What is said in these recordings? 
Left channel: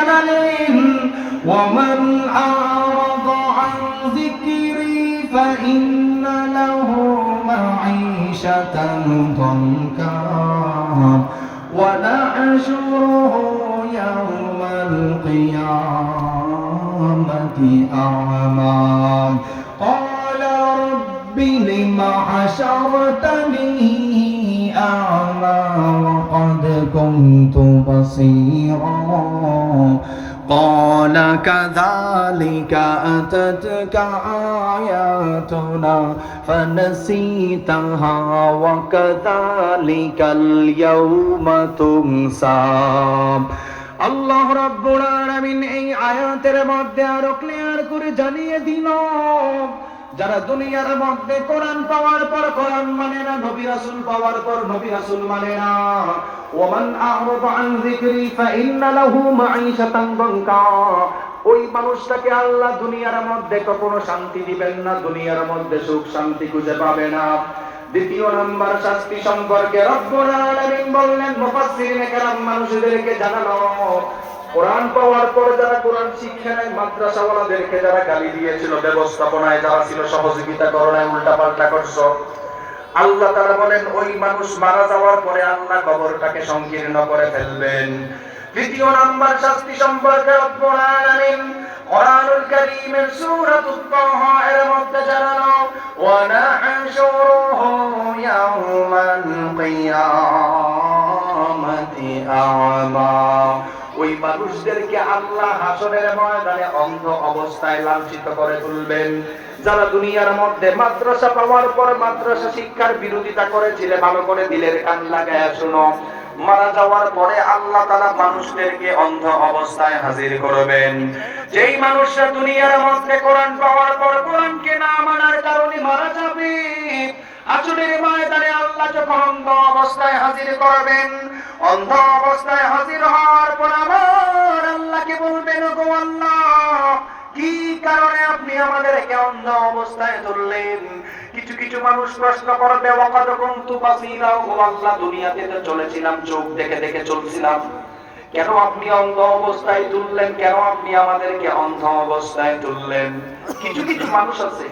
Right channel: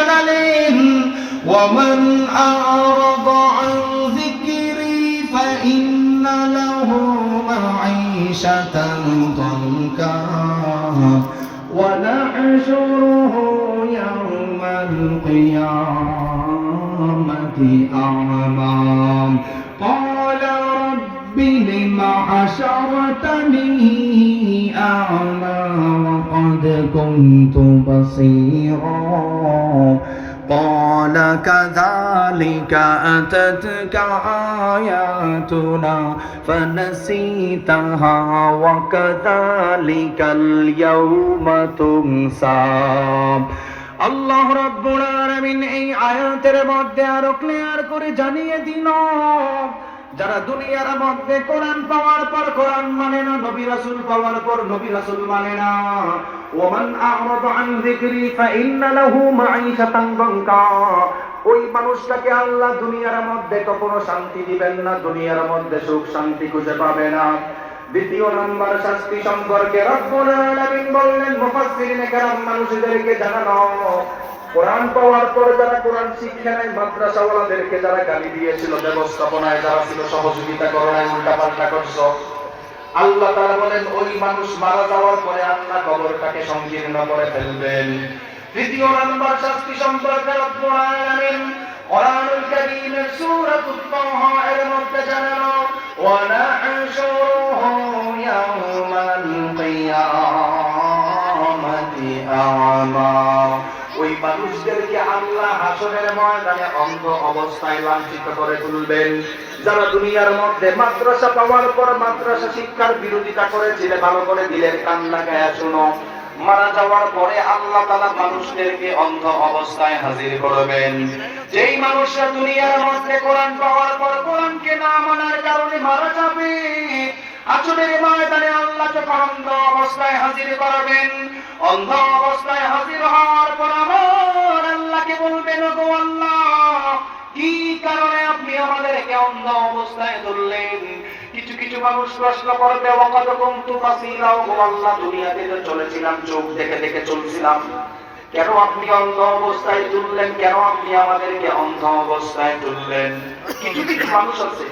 জানালেন ওয়ামান আ'রাদ আন যিকরি ফাইন্না লাহু মাঈশাতান দনকা ওয়া নাহশুরুহু ইয়াওমাল قال كذلك أتتك آياتنا فنسيتها وكذلك اليوم تنسى আল্লাহ রাব্বুল আলামিন এই আয়াতের মধ্যে আরো ক্লিয়ার করে জানিয়ে দিল যারা দুনিয়ার মধ্যে কোরআন পাওয়ার পর কোরআন মানে না, নবী রাসূল পাওয়ার পর নবী রাসূল মানে না। ওমান আন যিকরি ফাইন্না লাহু মাঈশাতান দানকা ওই মানুষটাকে আল্লাহ দুনিয়ার মধ্যে কখনো শান্তি দিবেন না, দুনিয়ার মধ্যে সুখ শান্তি খুঁজে পাবে না। দ্বিতীয় নম্বর শাস্তি সম্পর্কে রব্বুল আলামিন বললেন কেরাম মানুষদেরকে জানানো। কোরআন পাওয়ার পরে যারা কোরআন শিক্ষা নেয়, মাদ্রাসাওয়ালাদেরকে যারা গালি দিয়েছিল, ব্যবস্থাপনায় যারা ছিল, সহযোগিতা করোনায় উল্টা পাল্টা করছ। আল্লাহ তারা বলেন, ওই মানুষ মারা যাওয়ার পরে আল্লাহ কবরটাকে সংকীর্ণ করে ফেলবেন। তৃতীয় নাম্বার শাস্তি সম্পর্কে রব্বুল কোরআনুল কারীমের সূরাতুত তাহা এর মধ্যে জানানো ওয়া নাহশুরুহু ইয়াওমাল কিয়ামাতি আ'মা। মানুষদেরকে আল্লাহ হাসরের ময়দানে অন্ধ অবস্থায় লাঞ্ছিত করে তুলবেন। যারা দুনিয়ার মধ্যে মাদ্রাসা পাওয়ার পর মাদ্রাসা শিক্ষার বিরোধিতা করেছিল, ভালো করে দিলের কান লাগায় শুনো। মারা যাওয়ার পরে আল্লাহ তালা মানুষদেরকে অন্ধ অবস্থায় হাজির করবেন। যেই মানুষরা দুনিয়ার মধ্যে কোরআন পাওয়ার পর কোরআনকে না মানার কারণে মারা যাবে আসলের ময়দানে আল্লাহ যখন অন্ধ অবস্থায় হাজির করবেন, অন্ধ অবস্থায় হাজির হওয়ার পর আমার আল্লাহকে বলবেন গো আল্লাহ, কি কারণে আপনি আমাদেরকে অন্ধ অবস্থায় ধরলেন? কিছু কিছু মানুষ প্রশ্ন করবে, ওয়াকাদ কুনতু বাসীরা ও আল্লাহ, দুনিয়াতে তো চলেছিলাম, চোখ দেখে দেখে চলছিলাম। কেন আপনি অন্ধ অবস্থায় তুললেন? কেন আপনি আমাদেরকে অন্ধ অবস্থায় তুললেন? কিছু কিছু মানুষ আছে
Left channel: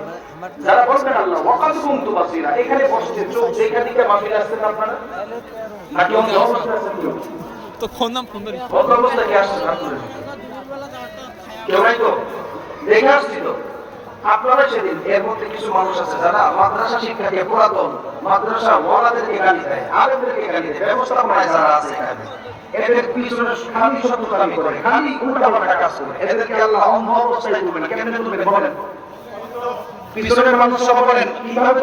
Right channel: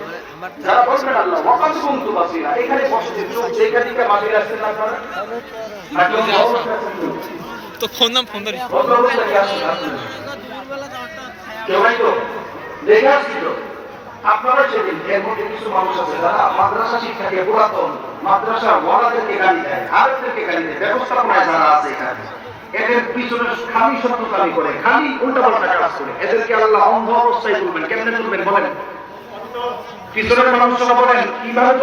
যারা বলবেন আল্লাহ ওয়াকাদ কুনতু বাসীরা এখানে বসছেন চোখ দেখে দেখে বাসীরা আসছেন আপনারা? নাকি অন্ধ অবস্থায় আছেন তো ফোন নাম ফোন ধরি। কেউ নাই তো? দেখে আসছি তো। আপনারা সেদিন এর মধ্যে কিছু মানুষ আছে যারা মাদ্রাসা শিক্ষা দিয়ে পুরাতন মাদ্রাসা ওয়ালাদেরকে গালি দেয় আরবদেরকে গালি দেয় ব্যবস্থাপনায় যারা আছে এখানে। এদের পিছনে খালি শত্রু খালি করে খালি উল্টা পাল্টা কাজ করে। এদেরকে আল্লাহ অন্ধ অবস্থায় তুলবেন। কেমনে তুলবেন বলেন? পিছনের মানুষরা বলেন কীভাবে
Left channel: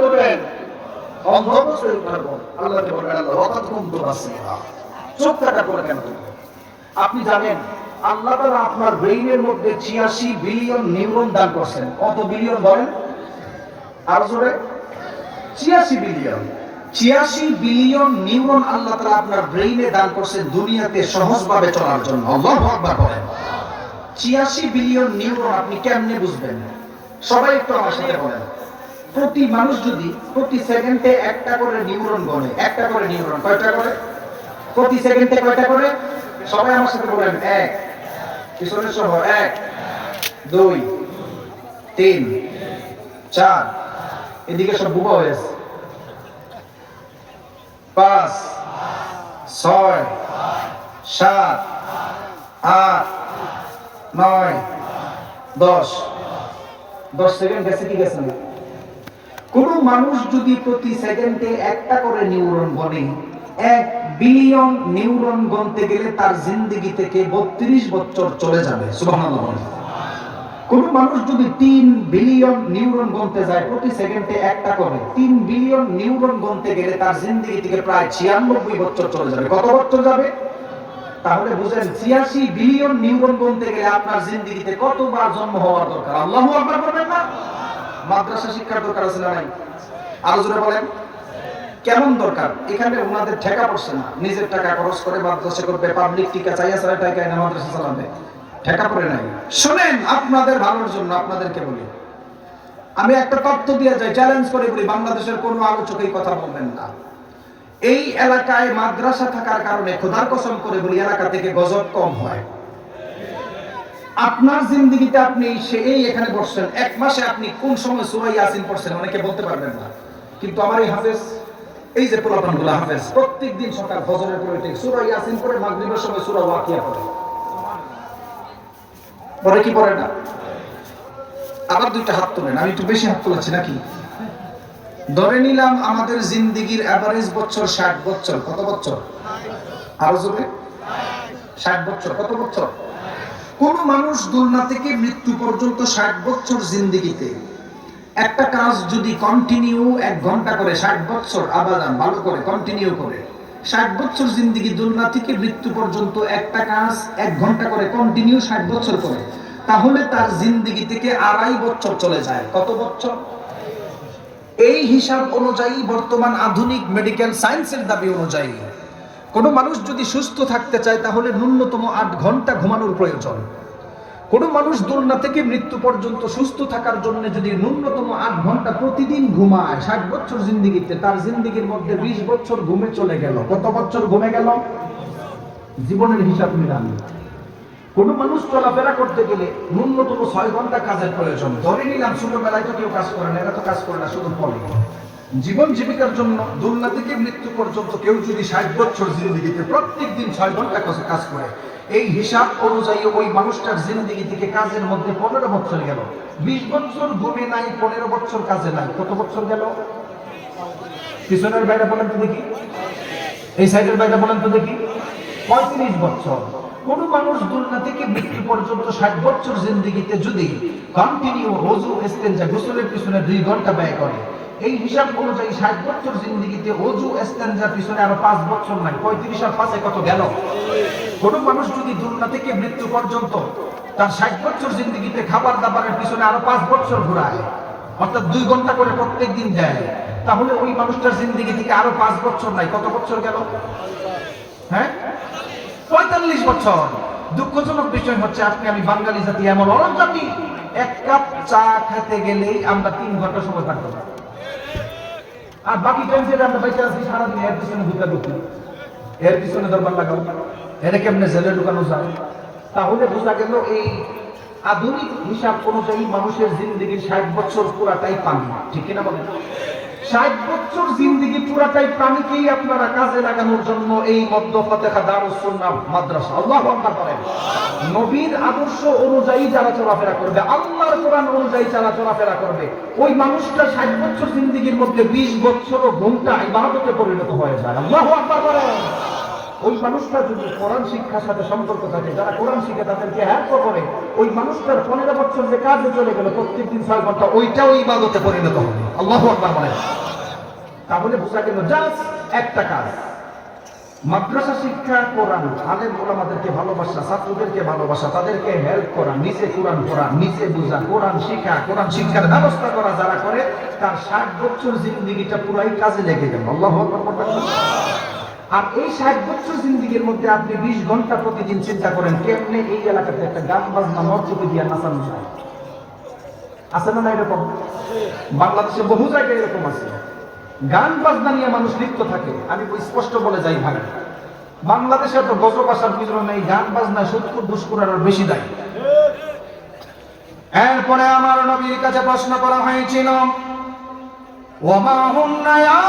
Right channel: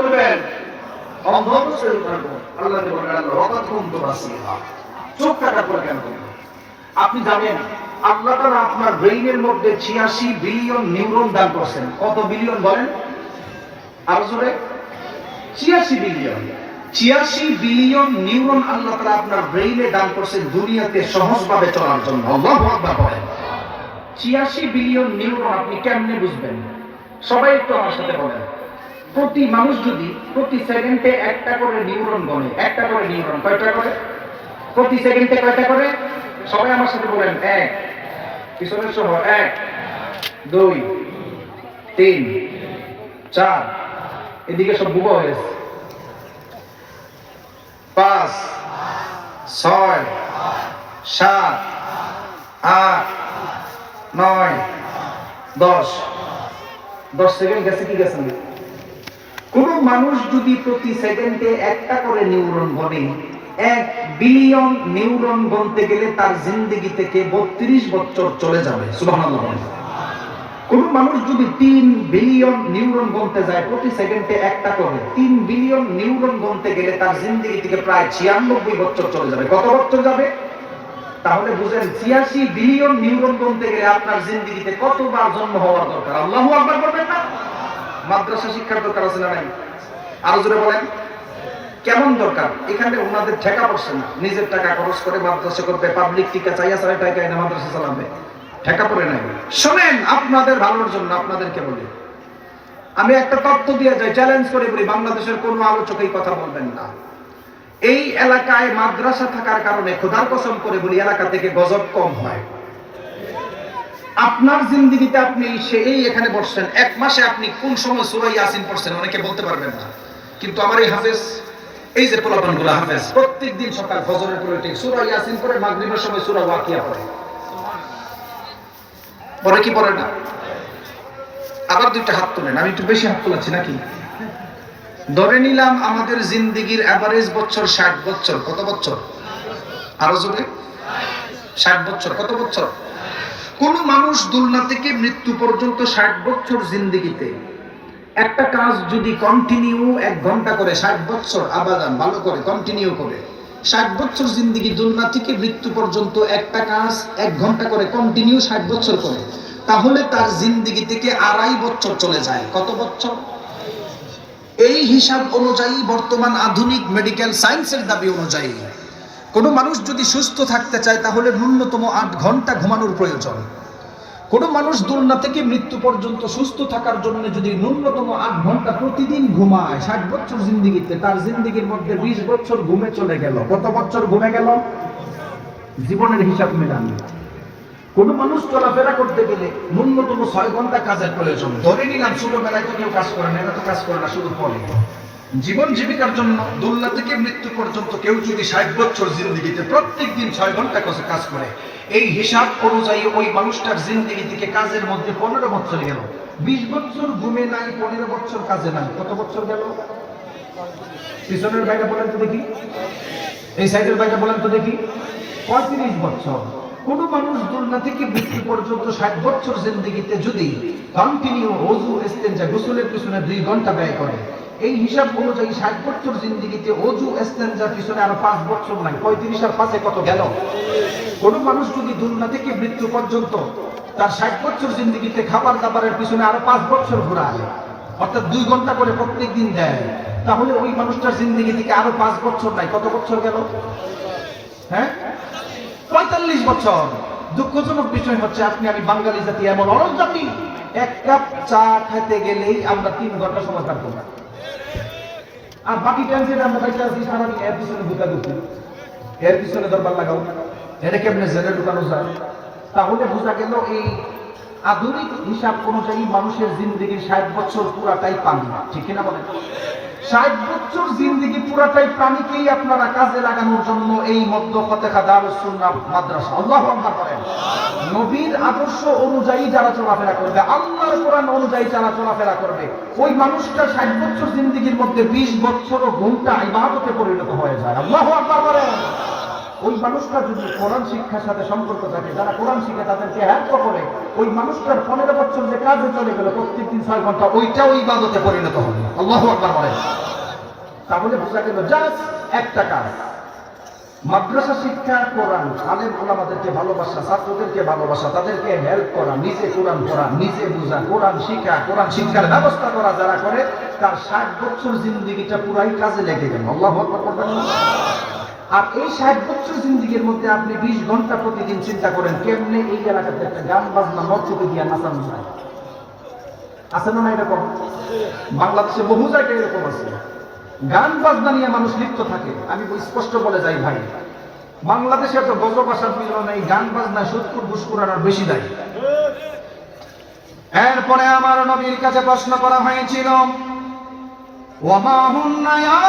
কেন? আপনি জানেন, আল্লাহ তাআলা আপনার ব্রেইনের মধ্যে 86 বিলিয়ন নিউরন দান করছেন। কত বিলিয়ন বলেন? আর জোরে। 86 বিলিয়ন। 86 বিলিয়ন নিউরন আল্লাহ তাআলা আপনার ব্রেইনে দান করছেন দুনিয়াতে সহজভাবে চলার জন্য। আল্লাহু আকবার বলেন। 86 বিলিয়ন নিউরন আপনি কেমনে বুঝবেন? সবাই একটু আমার সাথে বলেন। প্রতি মানুষ যদি প্রতি সেকেন্ডে একটা করে নিউরন গণে একটা করে নিউরন, কয়টা করে? প্রতি সেকেন্ডে কয়টা করে? সবাই আমার সাথে বলেন, এক। পিছনে সহ, এক, দুই, তিন, চার। এদিকে সব বুবা হয়েছে। পাঁচ, ছয়, সাত, আট, নয়, দশ। দশ সেকেন্ড গেছে, কি গেছে না? কোন মানুষ যদি প্রতি সেকেন্ডে একটা করে নিউরন গণে এক বিলিয়ন নিউরন গণতে গেলে তার জিন্দগি থেকে বত্রিশ বছর চলে যাবে কোন মানুষ যদি তিন বিলিয়ন নিউরন গণতে যায়, প্রতি সেকেন্ডে একটা করে, তিন বিলিয়ন নিউরন গণতে গেলে তার জিন্দগি থেকে প্রায় ছিয়ানব্বই বছর চলে যাবে। কত বছর যাবে? তাহলে বুঝেন, ছিয়াশি বিলিয়ন নিউরন গণতে গেলে আপনার জিন্দগিতে কতবার জন্ম হওয়া দরকার? আল্লাহ না মাদ্রাসা শিক্ষার দরকার আছে না নাই? আরও জোরে বলেন। কেমন দরকার? এখানে ওনাদের ঠেকা পড়ছে না। নিজের টাকা খরচ করে মাদ্রাসা করবে পাবলিক টিকা চাইয়া ছাড়া টাকা এনে মাদ্রাসা চালাবে? ঠেকা পড়ে নাই। শোনেন, আপনাদের ভালোর জন্য আপনাদেরকে বলি। আমি একটা তত্ত্ব দিয়ে যাই চ্যালেঞ্জ করে বলি, বাংলাদেশের কোনো আলোচক এই কথা বলবেন না। এই এলাকায় মাদ্রাসা থাকার কারণে খোদার কসম করে বলি, এলাকা থেকে গজব কম হয়। আপনার জিন্দগিতে আপনি সেই এখানে বসছেন। এক মাসে আপনি কোন সময় সুরা ইয়াসিন পড়ছেন অনেকে বলতে পারবেন না। কিন্তু আমার এই হাফেজ, এই যে পোলাপানগুলো হাফেজ প্রত্যেক দিন সকাল ফজরের পরে ঠিক সুরা ইয়াসিন পড়ে, মাগরিবের সময় সুরা ওয়াকিয়া পড়ে। পরে কি পড়ে না? আবার দুইটা হাত তোলেন, আমি একটু বেশি হাত তোলাচ্ছি নাকি? ধরে নিলাম আমাদের জিন্দিগির অ্যাভারেজ বছর ষাট বছর, কত বছর? আরও জোরে? ষাট বছর, কত বছর? কোন মানুষ দুলনা থেকে মৃত্যু পর্যন্ত ষাট বছর জিন্দিগিতে। একটা কাজ যদি কন্টিনিউ এক ঘণ্টা করে ষাট বছর, আবাদান, ভালো করে কন্টিনিউ করে। ষাট বছর জিন্দিগি দুলনা থেকে মৃত্যু পর্যন্ত একটা কাজ এক ঘণ্টা করে কন্টিনিউ ষাট বছর করে, তাহলে তার জিন্দিগি থেকে আড়াই বছর চলে যায়। কত বছর? এই হিসাব অনুযায়ী বর্তমান আধুনিক মেডিকেল সায়েন্সের দাবি অনুযায়ী। কোনো মানুষ যদি সুস্থ থাকতে চায়, তাহলে ন্যূনতম আট ঘণ্টা ঘুমানোর প্রয়োজন। কোনো মানুষ দুলনা থেকে মৃত্যু পর্যন্ত সুস্থ থাকার জন্য যদি ন্যূনতম আট ঘণ্টা প্রতিদিন ঘুমায়, ষাট বছর জিন্দিগিতে, তার জিন্দিগির মধ্যে বিশ বছর ঘুমে চলে গেল। কত বছর ঘুমে গেল? জীবনের হিসাব মেলান। কোন মানুষ চলাফেরা করতে গেলে ন্যূনতম ছয় ঘণ্টা কাজের প্রয়োজন। ধরে নিলাম ছোটবেলায় তো কেউ কাজ করে না, এরা তো কাজ করে না, শুধু পড়ে জীবন জীবিকার জন্য দুলনা থেকে মৃত্যু পর্যন্ত কেউ যদি ষাট বছর জিন্দিগিতে প্রত্যেক দিন ছয় ঘণ্টা কাছে কাজ করে, এই হিসাব অনুযায়ী ওই মানুষটার জিন্দিগি থেকে কাজের মধ্যে পনেরো বছর গেল। বিশ বছর ঘুমে নাই, পনেরো বছর কাজে নাই, কত বছর গেল? পিছনের বাইরে বলেন তো দেখি। এই সাইডের বাইরে বলেন তো দেখি। পঁয়ত্রিশ বছর। কোন মানুষ দুনিয়া থেকে মৃত্যু পর্যন্ত ষাট বছর জিন্দগিতে যদি কন্টিনিউ রোজু এস্তেঞ্জা গোসলের পিছনে দুই ঘণ্টা ব্যয় করে এই হিসাব অনুযায়ী ষাট বছর জিন্দগিতে অজু এস্তেঞ্জার পিছনে আরও পাঁচ বছর নাই, পঁয়ত্রিশ আর পাঁচে কত গেল? কোন মানুষ যদি দুনিয়া থেকে মৃত্যু পর্যন্ত তার ষাট বছর জিন্দগিতে খাবার দাবারের পিছনে আরও পাঁচ বছর ঘুরায়, অর্থাৎ দুই ঘণ্টা করে প্রত্যেক দিন দেয়, তাহলে ওই মানুষটার জিন্দগি থেকে আরও পাঁচ বছর নাই, কত বছর গেল? হ্যাঁ? পঁয়তাল্লিশ বছর। দুঃখজনক বিষয় হচ্ছে, আপনি আমি বাঙালি জাতি এমন অনেক জাতি এক কাপ চা খেতে গেলেই আমরা তিন ঘণ্টা সময় কাটবো আর বাকি টাইম আমরা বেঁচে আছি, সারাদিন এর পিছনে ঢুকা ঢুকি এর পিছনে দরবার লাগাও। এটা কেমনে জেলে ঢুকানো যায়? তাহলে বোঝা গেল এই আধুনিক হিসাব অনুযায়ী মানুষের জিন্দগির ষাট বছর পুরাটাই পান। ঠিক কিনা বলেন? ষাট বছর জিন্দিগি পুরাটাই প্রাণীকেই আপনারা কাজে লাগানোর জন্য এই মধ্য মাদ্রাসা। আল্লাহ করেন নবীর আদর্শ অনুযায়ী যারা চলাফেরা করবে, আল্লাহর কোরআন অনুযায়ী যারা চলাফেরা করবে, ওই মানুষটা ষাট বছর জিন্দিগির মধ্যে বিশ বছর ঘুমটা ইবাদতে পরিণত হয়ে যায়। আল্লাহ আল্লাহ করেন ওই মানুষটা যদি কোরআন শিক্ষার সাথে সম্পর্ক থাকে, যারা কোরআন শিখে তাদেরকে হেল্প করে, ওই মানুষটার পনেরো বছর যে কাজে চলে গেল প্রত্যেক দিন ছয় ঘণ্টা, ওইটাও ইবাদতে পরিণত হবে। আল্লাহ বলেন। তাহলে বোঝা গেল জাস্ট একটা কাজ। মাদ্রাসা শিক্ষা, কোরআন। আলেম ওলামাদেরকে ভালোবাসা, ছাত্রদেরকে ভালোবাসা, তাদেরকে হেল্প করা, নিজে কোরআন পড়া, নিজে বোঝা, কোরআন শিক্ষা কোরআন শিক্ষার ব্যবস্থা করা যারা করে, তার ষাট বছর জিন্দগিটা পুরাই কাজে লেগে গেল। আল্লাহ। আর এই ষাট বছর জিন্দিগির মধ্যে আপনি বিশ ঘণ্টা প্রতিদিন চিন্তা করেন, কেমনে এই এলাকাতে একটা গান বাজনা মসজিদে দিয়ে নাচানো যায়? আছে না এরকম? বাংলাদেশে বহু জায়গায় এরকম আছে। গান বাজনা নিয়ে মানুষ লিপ্ত থাকে। আমি স্পষ্ট বলে যাই ভাই, বাংলাদেশে তো গজব আসার পিছনে এই গান বাজনা সত্তর দুষ্কুরার আর বেশি দায়ী। এরপরে আমার নবীর কাছে প্রশ্ন করা হয়েছিল, ওমা হুম ইয়া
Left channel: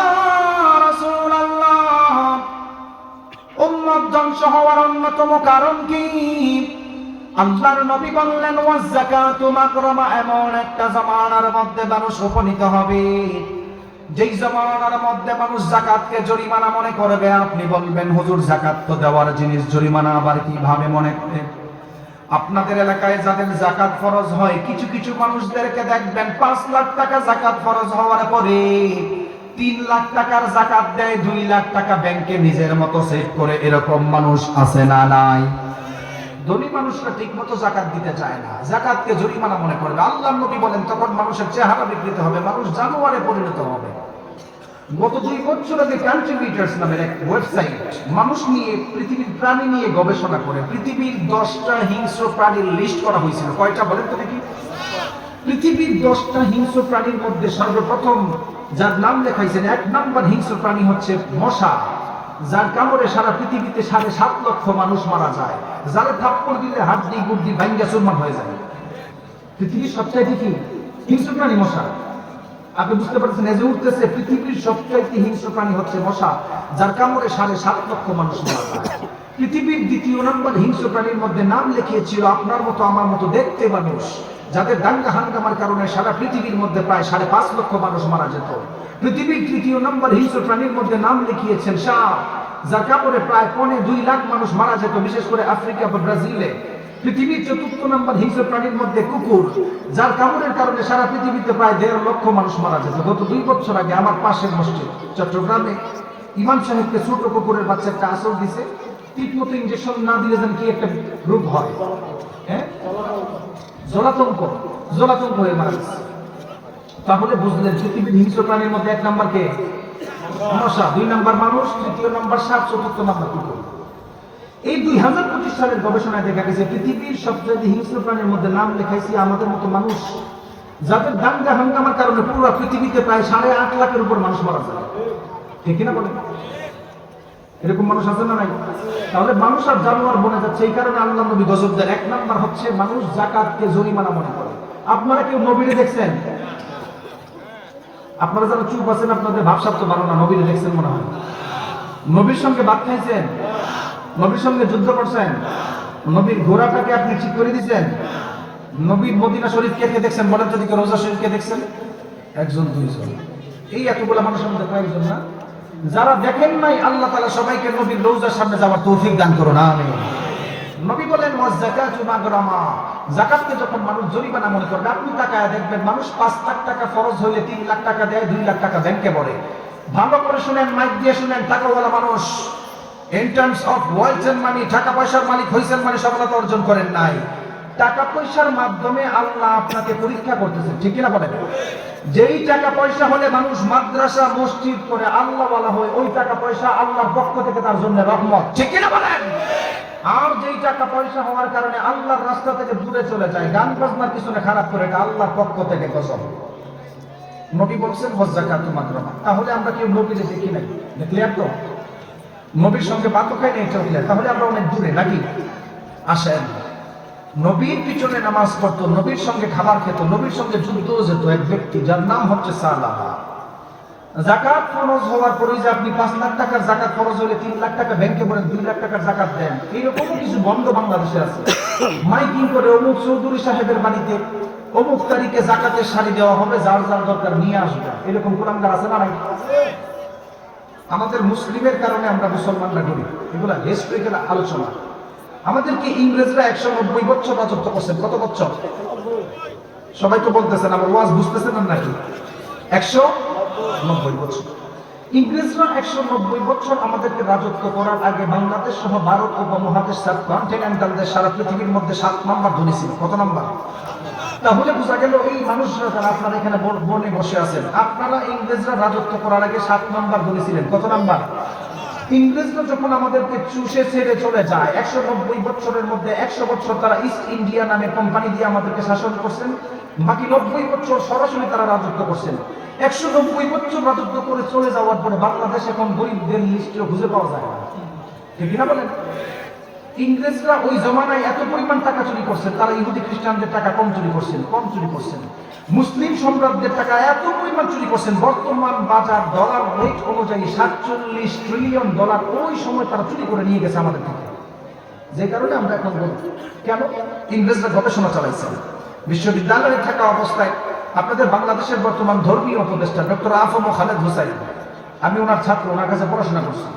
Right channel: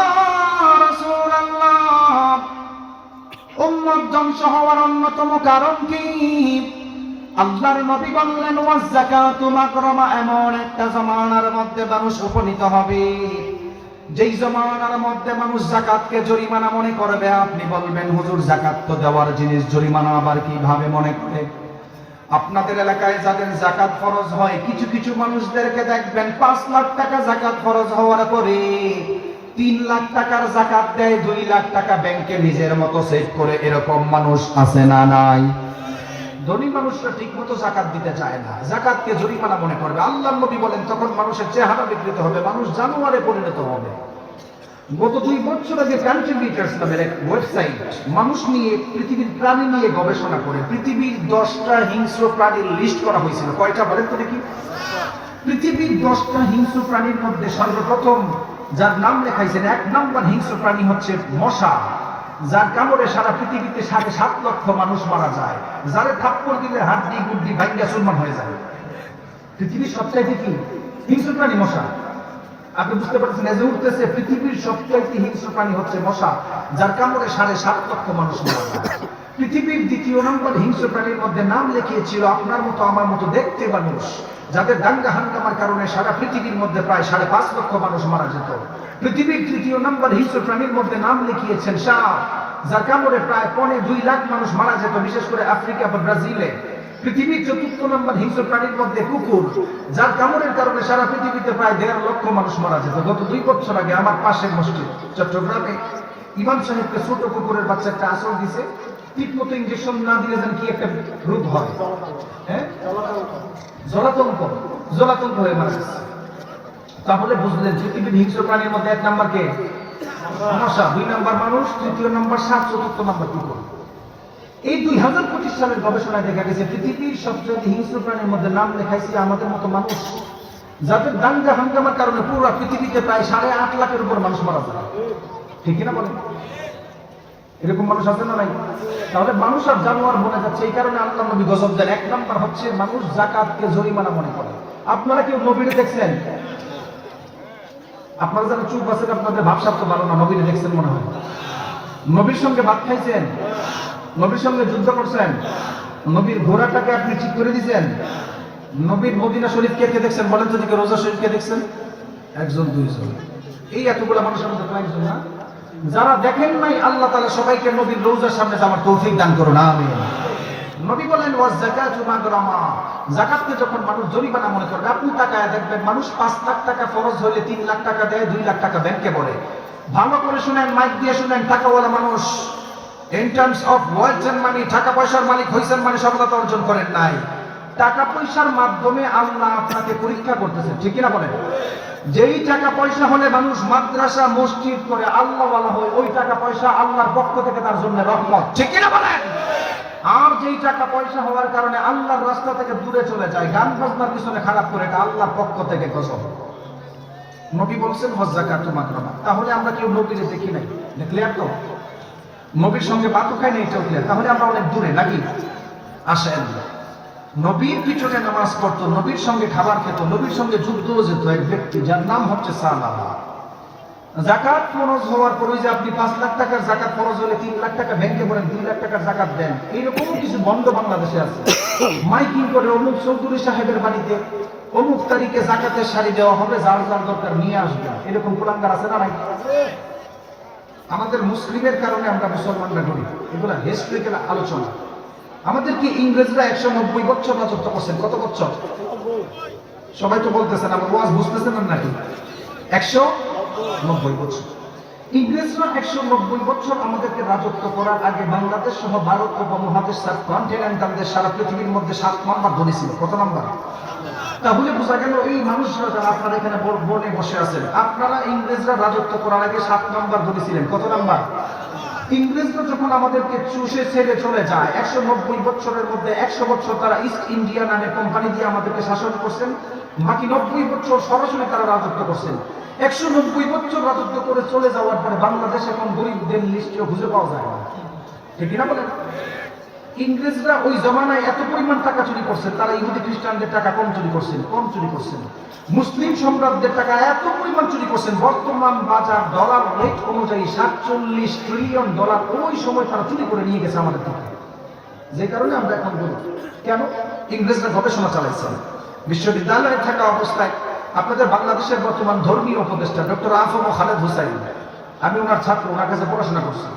উম্মত হওয়ার অন্যতম কারণ কি? আল্লাহর এমন একটা জামানার মধ্যে মানুষ উপনীত হবে। যেই জামানার মধ্যে মানুষ জাকাতকে জরিমানা মনে করবে, আপনি বলবেন, হুজুর জাকাত তো দেওয়ার জিনিস, জরিমানা আবার কীভাবে মনে করে? আপনাদের এলাকায় যাদের জাকাত ফরজ হয়, কিছু কিছু মানুষদেরকে দেখবেন, পাঁচ লাখ টাকা জাকাত ফরজ হওয়ার পরে তিন লাখ টাকার জাকাত দেয়, দুই লাখ টাকা ব্যাংকে নিজের মতো সেভ করে এরকম মানুষ আছে না নাই? ধনী মানুষরা ঠিক মতো জাকাত দিতে চায় না। জাকাতকে জরিমানা মনে করবে। আল্লাহ নবী বলেন, তখন মানুষের চেহারা বিকৃত হবে, মানুষ জানুয়ারে পরিণত হবে। গত দুই বছর আগে কন্ট্রিবিউটার্স নামের এক ওয়েবসাইট মানুষ নিয়ে, পৃথিবীর প্রাণী নিয়ে গবেষণা করে, পৃথিবীর দশটা হিংস্র প্রাণীর লিস্ট করা হয়েছিল। কয়টা বলেন তো দেখি? পৃথিবীর দশটা হিংস্র প্রাণীর মধ্যে সর্বপ্রথম যার নাম লেখাইছেন এক নাম্বার হিংস্র প্রাণী হচ্ছে মশা, যার কামড়ে সারা পৃথিবীতে সাড়ে সাত লক্ষ মানুষ মারা যায়, যারা থাপ্পড় দিলে হাড্ডি গুড্ডি ভাঙ্গা চূর্ণ হয়ে যায়। পৃথিবীর সবচাইতে কি? হিংস্র প্রাণী মশা। আপনি বুঝতে পারছেন এজে উঠতেছে, পৃথিবীর সবচাইতে হিংস্র প্রাণী হচ্ছে মশা, যার কামড়ে সাড়ে সাত লক্ষ মানুষ মারা যায়। পৃথিবীর দ্বিতীয় নম্বর হিংস্র প্রাণীর মধ্যে নাম লিখিয়েছিল, আপনার মতো, আমার মতো দেখতে মানুষ। যাদের দাঙ্গা হাঙ্গামার কারণে সারা পৃথিবীর মধ্যে প্রায় সাড়ে পাঁচ লক্ষ মানুষ মারা যেত। পৃথিবীর তৃতীয় নম্বর হিংস্র প্রাণীর মধ্যে নাম লিখিয়েছেন সাপ যার কামড়ে প্রায় পৌনে দুই লাখ মানুষ মারা যেত, বিশেষ করে আফ্রিকা বা ব্রাজিলে। পৃথিবীর চতুর্থ নম্বর হিংস্র প্রাণীর মধ্যে কুকুর, যার কামড়ের কারণে সারা পৃথিবীতে প্রায় দেড় লক্ষ মানুষ মারা যেত। গত দুই বছর আগে আমার পাশের মসজিদ, চট্টগ্রামে ইমাম সাহেবকে ছোট কুকুরের বাচ্চা একটা আসল দিছে। ঠিক মতো ইঞ্জেকশন না দিলে যেন কি একটা রোগ হয়? হ্যাঁ? জলাতঙ্ক জলাতঙ্ক মারা গেছে। তারপরে বুঝলেন পৃথিবীর হিংস্র প্রাণীর মধ্যে এক নাম্বার কে? মশা দুই নাম্বার মানুষ, তৃতীয় নাম্বার সাপ চতুর্থ নাম্বার কুকুর। এই দুই হাজার পঁচিশ সালের গবেষণায় দেখা গেছে, পৃথিবীর সবচেয়ে হিংস্র প্রাণীর মধ্যে নাম লেখাইছি আমাদের মতো মানুষ, যাদের দাঙ্গা হাঙ্গামার কারণে পুরো পৃথিবীতে প্রায় সাড়ে আট লাখের উপর মানুষ মারা যায়। ঠিক না বলেন? এরকম মানুষ আছে না নাই? তাহলে মানুষ আর জানোয়ার বনে যাচ্ছে, এই কারণে আল্লাহ নবী গজব দেন। এক নাম্বার হচ্ছে মানুষ জাকাতকে জরিমানা মনে করে। আপনারা কেউ নবীরে দেখছেন? আপনারা যারা চুপ আছেন, আপনাদের ভাবসাব তো ভালো না, নবীরে দেখছেন মনে হয়? নবীর সঙ্গে ভাত খাইছেন? নবীর সঙ্গে যুদ্ধ করছেন? নবীর ঘোড়াটাকে আপনি ঠিক করে দিয়েছেন নবীর মদিনা শরীফ কে কে দেখছেন? বলেন যদি রোজা শরীফ কে দেখছেন? একজন, দুইজন। এই এতগুলো মানুষের মধ্যে কয়েকজন না? যারা দেখেন নাই, আল্লাহ তাআলা সবাইকে নবীর রোজার সামনে যাওয়ার তৌফিক দান করো না আমি নবী বলেন যাকাতকে যখন মানুষ জরিমানা মনে করবে, আপনি তাকায় দেখবেন মানুষ পাঁচ লাখ টাকা ফরজ হলে তিন লাখ টাকা দেয়, দুই লাখ টাকা ব্যাংকে ভরে। ভালো করে শুনেন, মাইক দিয়ে শুনেন, টাকাওয়ালা মানুষ। In terms of wealth money টাকা পয়সার মালিক হইছেন মানে সফলতা অর্জন করেন নাই। টাকা পয়সার মাধ্যমে আল্লাহ আপনাকে পরীক্ষা করতেছেন, ঠিক না বলেন? যেই টাকা পয়সা হলে মানুষ মাদ্রাসা, মসজিদ করে আল্লাহ বলা হয়, ওই টাকা পয়সা আল্লাহর পক্ষ থেকে তার জন্য আর যেই টাকা পয়সা হওয়ার কারণে আল্লাহর রাস্তা থেকে দূরে চলে যায়, গান বাজনার পিছনে খারাপ করে, এটা আল্লাহর পক্ষ থেকে গজব। নবী বলছেন হজ্জাকাতু মাকরামা তাহলে আমরা কেউ নবীরে দেখি নাই। দেখলে তো? নবীর সঙ্গে ভাতও খাই নাই চললে তাহলে আমরা অনেক দূরে, নাকি? আসেন। নবীর পিছনে নামাজ পড়তো, নবীর সঙ্গে খাবার খেত, নবীর সঙ্গে যুদ্ধও যেত এক ব্যক্তি, যার নাম হচ্ছে জাকাত ফরজ হওয়ার পরে যে আপনি পাঁচ লাখ টাকার জাকাত ফরজ হলে তিন লাখ টাকা ব্যাংকে ভরেন দুই লাখ টাকার জাকাত দেন এরকম কিছু বন্ধ বাংলাদেশে আছে। মাইকিং করে অমুক চৌধুরী সাহেবের বাড়িতে অমুক তারিখে জাকাতের শাড়ি দেওয়া হবে, যার যার দরকার নিয়ে আসবে। এরকম কোরআনকার আছে না আমাদের মুসলিমের কারণে আমরা মুসলমানরা করি এগুলা হিস্ট্রিক্যাল আলোচনা। আমাদেরকে ইংরেজরা একশো নব্বই বছর রাজত্ব করছেন। কত বছর? সবাই তো বলতেছেন, আমার ওয়াজ বুঝতেছেন না নাকি? একশো নব্বই বছর। ইংরেজরা একশো নব্বই বছর আমাদেরকে রাজত্ব করার আগে বাংলাদেশ সহ ভারত উপমহাদেশ সারা পৃথিবীর মধ্যে সাত ছিল। কত তাহলে বোঝা গেল এই মানুষরা যারা আপনারা এখানে বনে বসে আছেন, আপনারা ইংরেজরা রাজত্ব করার আগে সাত নম্বর ধনী ছিলেন। কত নম্বর? ইংরেজরা যখন আমাদেরকে চুষে ছেড়ে চলে যায়, একশো নব্বই বছরের মধ্যে একশো বছর তারা ইস্ট ইন্ডিয়া নামে কোম্পানি দিয়ে আমাদেরকে শাসন করছেন, বাকি নব্বই বছর সরাসরি তারা রাজত্ব করছেন। একশো নব্বই বছর রাজত্ব করে চলে যাওয়ার পরে বাংলাদেশ এখন গরিবদের লিস্টে খুঁজে পাওয়া যায় না। ঠিক না বলেন? ইংরেজরা ওই জমানায় এত পরিমাণ টাকা চুরি করছেন তারা ইহুদি খ্রিস্টানদের টাকা কম চুরি করছেন, কম চুরি করছেন। মুসলিম সম্রাটদের টাকা এত পরিমাণ চুরি করছেন, বর্তমান বাজার ডলার রেট অনুযায়ী সাতচল্লিশ ট্রিলিয়ন ডলার ওই সময় তারা চুরি করে নিয়ে গেছে আমাদের থেকে যে কারণে আমরা এখন কেন ইংরেজরা গবেষণা চালাইছেন? বিশ্ববিদ্যালয়ে থাকা অবস্থায় আপনাদের বাংলাদেশের বর্তমান ধর্মীয় উপদেষ্টা ডক্টর আফম খালেদ হুসাইন, আমি ওনার ছাত্র, ওনার কাছে পড়াশোনা করছি।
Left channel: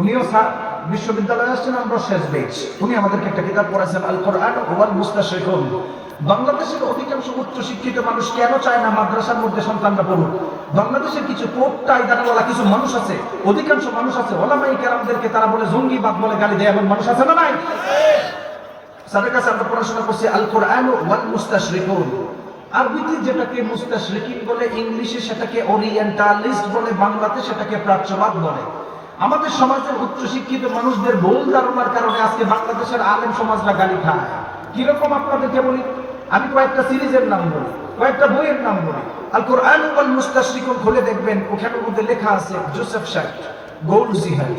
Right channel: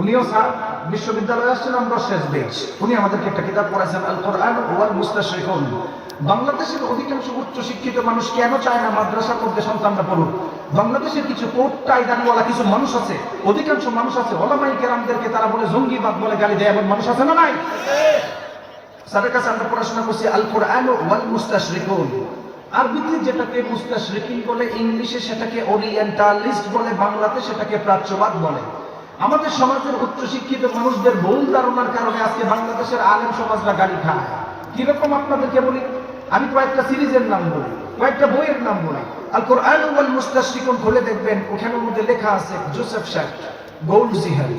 উনিও স্যার বিশ্ববিদ্যালয়ে আসছেন আমরা শেষ বেচ। উনি আমাদেরকে একটা কিতাব আল কোরআন ওয়াল বাংলাদেশের অধিকাংশ উচ্চ শিক্ষিত মানুষ কেন চায় না মাদ্রাসার মধ্যে সন্তানরা পড়ুক? বাংলাদেশের কিছু দাঁড়াওয়ালা কিছু মানুষ আছে, অধিকাংশ মানুষ আছে ওলামাই কেরামদেরকে তারা বলে বলে গালি দেয়, এমন মানুষ আছে না নাই? কাছে আমরা পড়াশোনা করছি আল কোরআন ওয়াল আরবিতে যেটাকে বলে, ইংলিশে সেটাকে ওরিয়েন্টালিস্ট বলে, বাংলাতে সেটাকে প্রাচ্যবাদ বলে। আমাদের সমাজের উচ্চ শিক্ষিত মানুষদের ভুল ধারণার কারণে আজকে বাংলাদেশের আলেম সমাজরা গালি খায়। কীরকম আপনাদেরকে বলি? আমি কয়েকটা সিরিজের নাম বলি, কয়েকটা বইয়ের নাম বলি। আল কোরআন ওয়াল মুস্তাশরিকুন খুলে দেখবেন ওখানের মধ্যে লেখা আছে জোসেফ শেখ গৌল জিহাদ।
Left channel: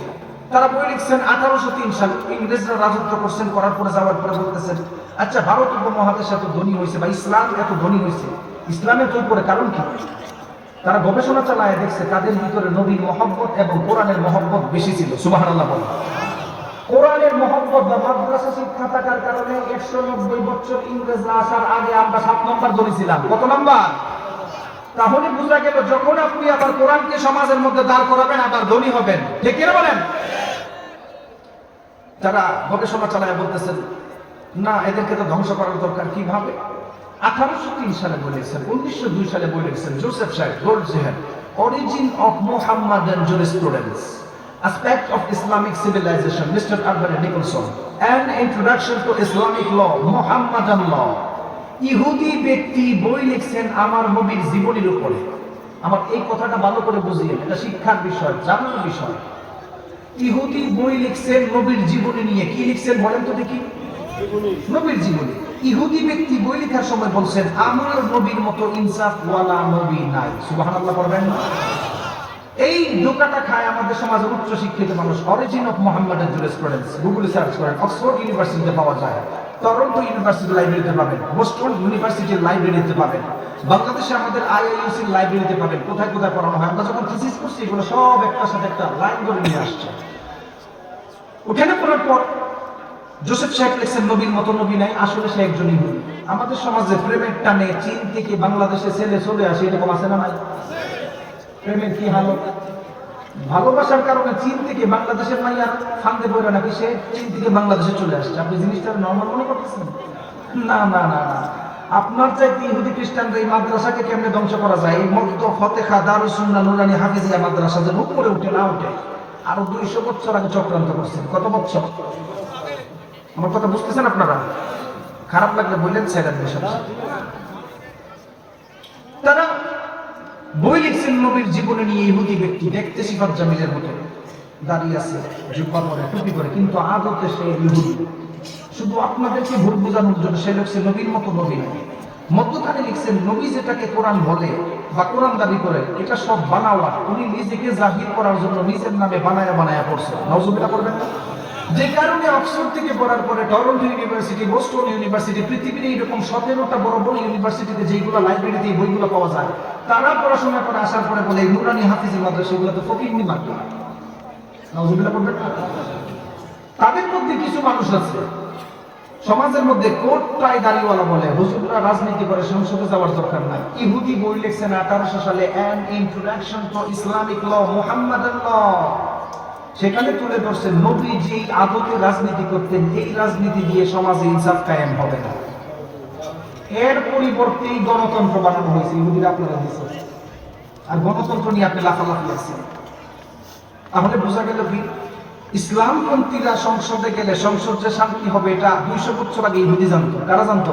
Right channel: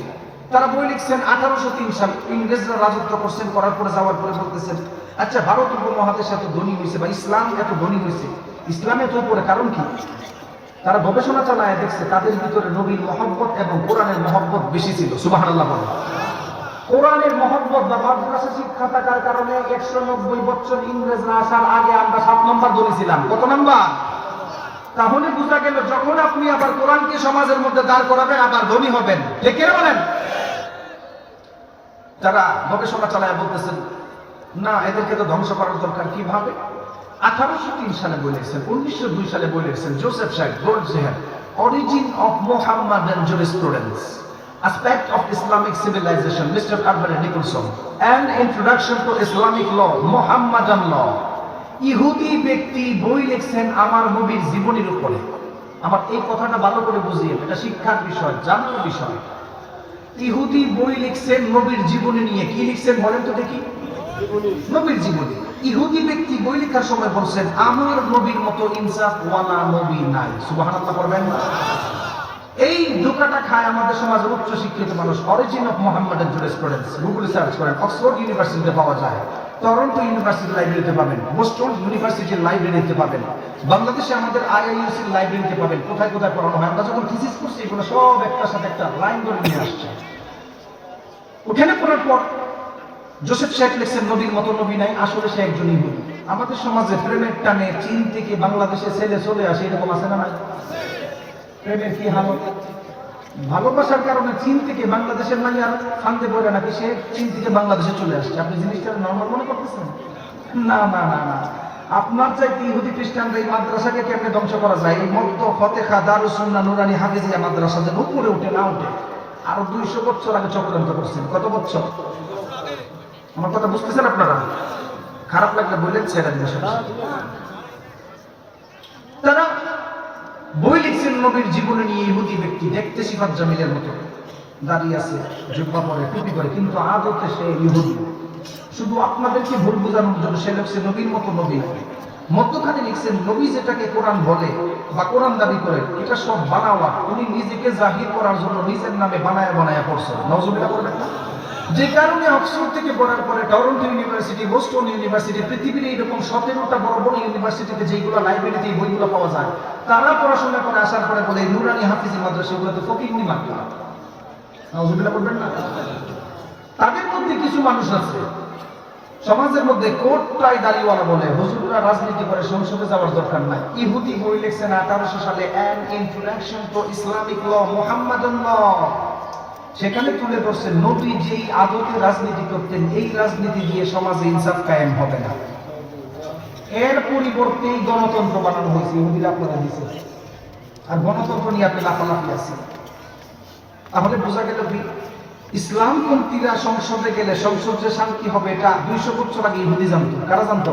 তারা বই লিখছেন আঠারোশো তিন সাল, ইংরেজরা রাজত্ব করছেন, করার পরে যাওয়ার পরে বলতেছেন আচ্ছা ভারত উপমহাদেশ এত ধনী হয়েছে বা ইসলাম এত ধনী হয়েছে ইসলামের পরে কারণ কি? তারা গবেষণা চালায়, দেখছে তাদের ভিতরে নবীর মহব্বত এবং কোরআনের মহব্বত বেশি ছিল। সুবাহ আল্লাহ কোরআনের মহব্বত বা মাদ্রাসা শিক্ষা থাকার কারণে একশো নব্বই বছর ইংরেজরা আসার আগে আমরা সাত নম্বর ধরেছিলাম কত নম্বর? তাহলে বোঝা গেল, যখন আপনি আবার কোরআনকে সমাজের মধ্যে দাঁড় করাবেন, আবার ধনী হবেন। ঠিক বলেন? যারা গবেষণা চালায় বলতেছেন, না, এদেরকে তো ধ্বংস করার দরকার, কীভাবে? আঠারোশো তিন সালে বলেছেন উনিশশো দুই সালে বলেছেন জোসেফ সাহেব Goldziher origin of Mohammad jurisprudence aspect of Islamic civilization Mr. Albert Nicholson introduction to Islamic law Mohammedan law. ইহুদি ব্যক্তি বই লিখছেন আমার নবীর জীবনের উপরে। আমার এই কথাটা ভালো করে বুঝিয়ে এটা শিক্ষার বিষয় জানার বিষয়। ইহুদি বই লিখছেন নবীর জীবনী নিয়ে কি লিখছেন বলেন তো দেখি? নবীর জীবনী। ইহুদি ব্যক্তি বই লেখার সময় বলছেন, আমার নবীর মতো ইনসাফ ওয়ালা নবী নাই। সুবহানাল্লাহ করবেন এই ধোকাটা খায় আমাদের সমাজে উচ্চ শিক্ষিত মানুষ। অরিজিন অফ মোহাম্মদের জুরিসপ্রুডেন্স গুগল সার্চ করেন অক্সফোর্ড ইউনিভার্সিটিতে পাওয়া যায়। টরন্টো ইউনিভার্সিটি লাইব্রেরিতে পাবেন বোস্টন ইউনিভার্সিটির লাইব্রেরিতে পাবেন, বাংলাদেশে আমাদের আইআইইউসির লাইব্রেরিতে পাবেন, কোথায় কোথায় পড়ানো হয়। আমরা যখন থিসিস করছি, এগুলো সব একটার সাথে একটা লাইন করে নিয়ে আসছে। ওখানে পড়ার পর জোসেফ শেখ লিখছেন, নবীর মতো নবী নাই, আসলে সে একজন ইহুদি। আমাদের সমাজে প্রেমের টানে চীন থেকে বাংলাদেশে ছেলে চলে আসে এরকম আছে না। প্রেমের কি হালত ভালোবাসার কারণে চীন থেকে বাংলাদেশের নাই আর ফান্দে পড়ে নাকি সে চীন থেকে বাংলাদেশে চলে আসছে। আপনি জিনিসটা নর্মাল মনে করতেছেন? না না না না। আপনার চাইতে ইহুদি খ্রিস্টানরা এই মাদ্রাসাকে কেমনে ধ্বংস করা যায়? এই মক্ত ফতেখা দারুসুন্না নুরানি হাফিজিয়া মাদ্রাসা যে উপরে উঠে না উঠে, আরও দুইশো বছর আগে চক্রান্ত করছেন। কত বছর? আমার কথা বুঝতেছেন আপনারা? খারাপ লাগলে বললেন দিন তারা বই লিখছেন নবীর জীবনে নিয়ে ইহুদি ব্যক্তি, দেখতে সিফাত জামিলের মতো। দাঁড়িয়ে আছে, জুব্বা পরে, টুপি করে কিন্তু সে ইহুদি। শুধু আপনাদেরকে ভুল বোঝানোর জন্য সে নবীর মতো নবী। মধ্যখানে লিখছেন, নবী যেটাকে কোরআন বলে বা কোরআন দাবি করে, এটা সব বানাওয়া। উনি নিজেকে জাহির করার জন্য নিজের নামে বানায় বানায় নজরুল্লাহ করবেন? যে কারণে অক্সফোর্ড থেকে পড়ার পরে টরন্টো ইউনিভার্সিটি, বোস্টন ইউনিভার্সিটি, পৃথিবীর এইরকম সতেরোটা বড় বড় ইউনিভার্সিটিতে যেগুলো লাইব্রেরিতে এই বইগুলো পাওয়া যায়, তারা পড়াশোনা করে আসার পরে বলে নুরানি হাফিজি মাদ্রাসা এগুলো তো ফকিরনি মাত্র? তাদের মধ্যে কিছু মানুষ আছে, সমাজের মধ্যে কোটটাই দাঁড়িয়েওয়ালা বলে, হুজুররা রাজনীতি করে সংসদে যাওয়ার দরকার নাই। ইহুদি বই লিখছেন আঠারোশো সালে an introduction to Islamic law Mohammad law সেখানে তুলে ধরছে নবী যে আদতে রাজনীতি করতেন, এই রাজনীতি দিয়ে সমাজে ইনসাফ কায়েম হবে না। এর পরিবর্তেই গণতন্ত্র বানানো হয়েছে, ইহুদিরা আপনারা দিয়েছে আর গণতন্ত্র নিয়ে আপনি লাফালাফি আছেন। তাহলে বোঝা গেল কি? ইসলামপন্থীরা সংসদে গেলে সংসদে শান্তি হবে, এটা দুইশো বছর আগে ইহুদি জানতো। কারা জানতো?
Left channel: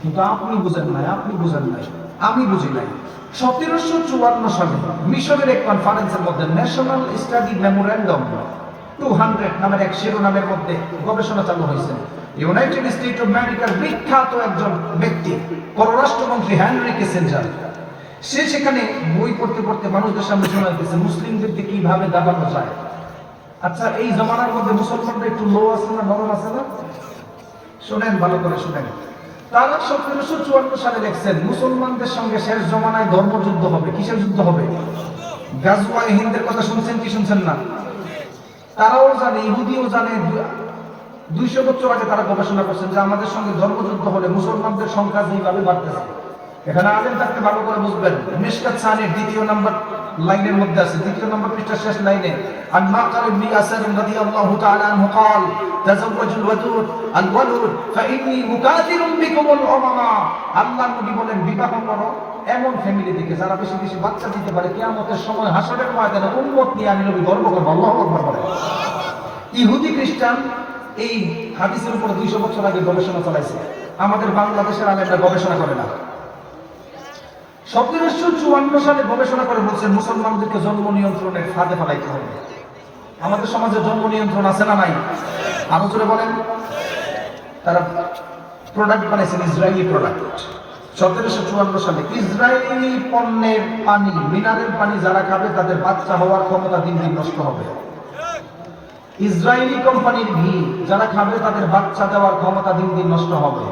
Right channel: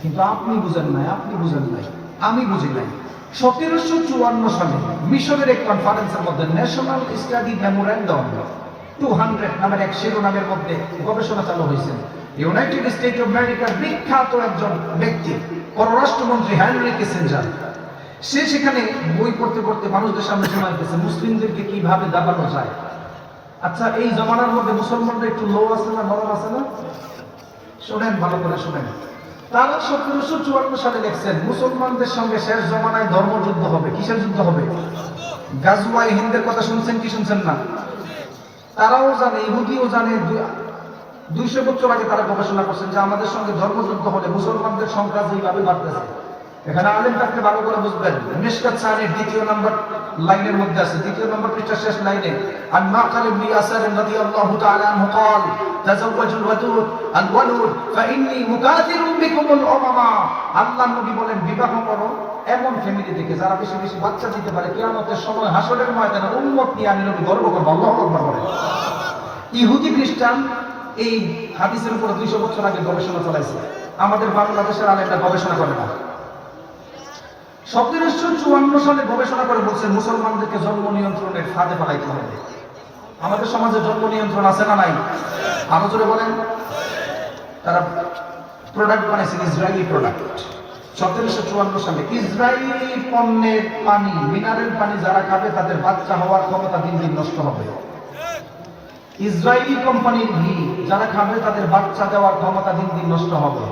কিন্তু আপনি বুঝেন নাই, আপনি বুঝেন নাই। আমি বুঝি নাই। সতেরোশো চুয়ান্ন সালে মিশরের এক কনফারেন্সের মধ্যে national study memorandum two hundred নামের এক শিরোনামের মধ্যে গবেষণা চালু হয়েছে। ইউনাইটেড স্টেট অফ আমেরিকার বিখ্যাত একজন ব্যক্তি, পররাষ্ট্রমন্ত্রী হেনরি কিসেঞ্জার সে সেখানে বই পড়তে পড়তে মানুষদের সামনে শোনাতেছে মুসলিমদেরকে কীভাবে দাবানো যায় আচ্ছা এই জমানার মধ্যে মুসলমানরা একটু লো আছে না নরম আছে না? শোনেন, ভালো করে শোনেন। তারা সতেরোশো চুয়ান্ন সালে মুসলমানদের সঙ্গে শেষ জমানায় ধর্মযুদ্ধ হবে, কিসের যুদ্ধ হবে? হিন্দের কথা শুনছেন কি শুনছেন না? তারাও জানে, ইহুদিও জানে দুইশো বছর আগে তারা গবেষণা করছেন যে আমাদের সঙ্গে ধর্মযুদ্ধ হলে মুসলমানদের সংখ্যা যেভাবে বাড়তেছে। এখানে আলেম থাকতে ভালো করে বুঝবেন। দ্বিতীয় নম্বর লাইনের মধ্যে আছে দ্বিতীয় নম্বর পৃষ্ঠা শেষ লাইনে عن معقل بن ياسر رضي الله تعالى عنه قال تزوجوا الودود الولود فإني مكاثر بكم الأمراء আল্লাহ নবী বলেন বিবাহ করো এমন ফ্যামিলি থেকে যারা বেশি বেশি বাচ্চা দিতে পারে কিয়ামতের সময় হাসরের ময়দানে উন্মত নিয়ে আমি নবী গর্ব করবো আল্লাহ আকবার বলেন ইহুদি খ্রিস্টান এই হাদিসের উপর দুইশো বছর আগে গবেষণা চালাইছে আমাদের বাংলাদেশের আলেমরা গবেষণা করে না সতেরোশো চুয়ান্ন সালে গবেষণা করে বলছে মুসলমানদেরকে জন্ম নিয়ন্ত্রণের ফাঁদে ফেলাইতে হবে। আমাদের সমাজে জন্ম নিয়ন্ত্রণ আছে না নাই? আরও জোরে বলেন। তারা প্রোডাক্ট বানাইছেন ইসরায়েলি প্রোডাক্ট সতেরোশো চুয়ান্ন সালে ইসরায়েলি পণ্যের পানি মিনারেল পানি যারা খাবে, তাদের বাচ্চা হওয়ার ক্ষমতা দিন দিন নষ্ট হবে। ইসরায়েলি কোম্পানির ঘি যারা খাবে, তাদের বাচ্চা দেওয়ার ক্ষমতা দিন দিন নষ্ট হবে।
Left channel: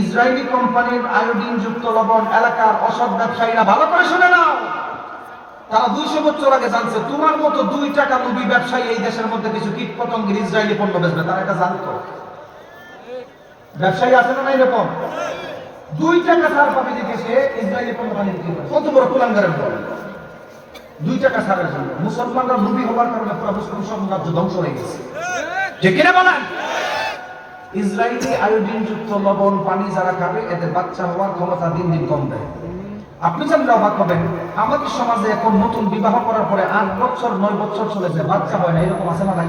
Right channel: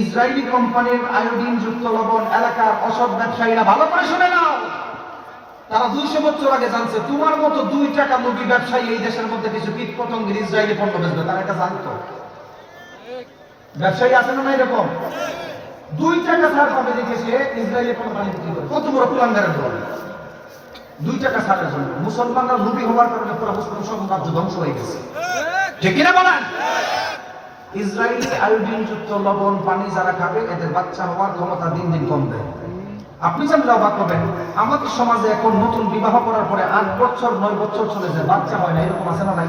ইসরায়েলি কোম্পানির আয়োডিন যুক্ত লবণ এলাকার অসৎ ব্যবসায়ীরা ভালো করে শুনে না তারা দুইশো বছর আগে জানছে, তোমার মতো দুই টাকা নবী ব্যবসায়ী এই দেশের মধ্যে কিছু কীট পতঙ্গের ইসরায়েলি পণ্য বেচবে, তারা এটা জানতো। ব্যবসায়ী আছে না এরকম? দুই টাকা ছাড় পাবে দেখে সে ইসরায়েলি কোম্পানি কত বড় কুলাঙ্গারের বল? দুই টাকা ছাড়ের জন্য। মুসলমানরা নবী হওয়ার কারণে পুরো মুসলিম সাম্রাজ্য ধ্বংস হয়ে গেছে। ঠিক কিনা বলেন? ইসরায়েলি আয়োডিন যুক্ত লবণ পানি যারা খাবে, এদের বাচ্চা হওয়ার ক্ষমতা দিন দিন কমবে আপনি যেন অবাক হবেন, আমাদের সমাজে এখন নতুন বিবাহ করার পরে আট বছর, নয় বছর চলে যায়, বাচ্চা হয় না, এরকম আছে না নাই?